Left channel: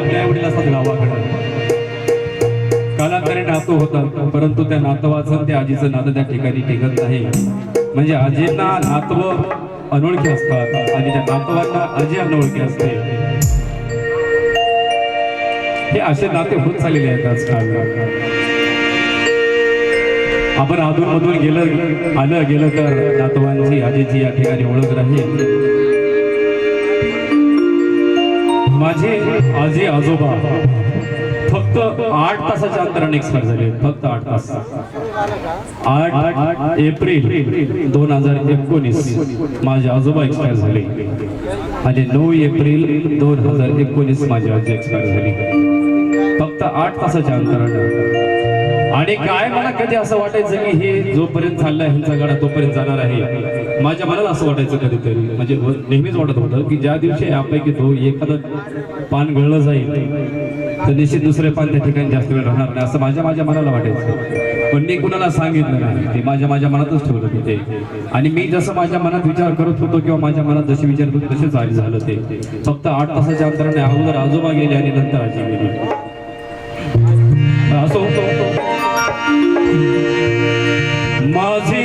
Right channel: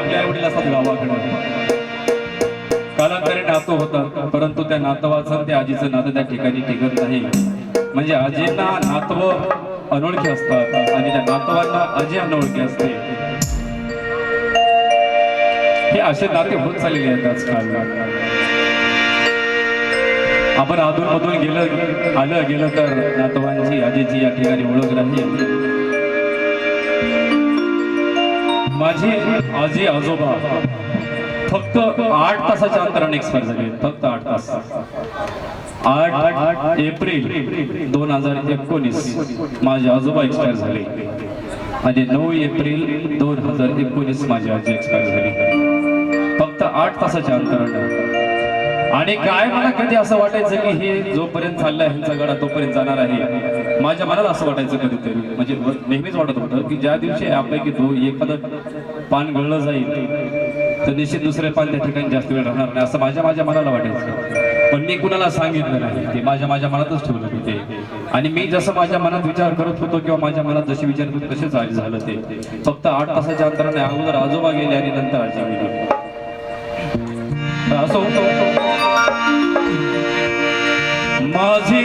आपल्या वडील असतात गावाकडे, कालांतराने नातं होतात, परंतु त्या नातवाचं त्या आजीचं नातं त्या ठिकाणी टिकत नाही. म्हणजे आजींना नातव अनोळखी असतात आणि त्या नातवांना आजी अनोळखी असते. हे असे नाते होत चाललेले आहेत आजकाल. आपण अधून मधून गेलं तर नातवांची आजीची या ठिकाणी ओळख राहील. माझे आजी आजोबा फक्त 8 तासाच्या अंतराने एक्सपायर झाले. फक्त 8 तास. 8 एप्रिल 2019 माझे आजोबा एक्सपायर झाले आणि 9 एप्रिल 2019 माझी आजी एक्सपायर झाली. फक्त 8 तासाच्या अंतराने. आणि काय मला कधी असं वाटायचं की हे जोपर्यंत चाललंय ह्यांचा गाडा तोपर्यंत जाणार आहे. माझ्या मनाला असं वाटायचं कधीतरी, म्हणजे नेहमीच वाटत होतं की ज्या दिवशी आपल्यापैकी एखादं पान गळलं जाईल तर निश्चित दुसरे पान त्या ठिकाणी जास्त वेळ राहणार नाही, असं माझ्या मनाला वाटायचं. पण मी कुणाला सांगितलं नाही, ते माझ्या मनातच ठेवलं मी ते. आणि मी जसं माझ्या मनात विचार करत होतो किंवा माझ्या मनात जसे विचार होते तसेच आज झालं ते. फक्त 8 तासाच्या अंतराने अगोदर आजोबा गेले आणि नंतर आजी गेली. असं होतं. माझी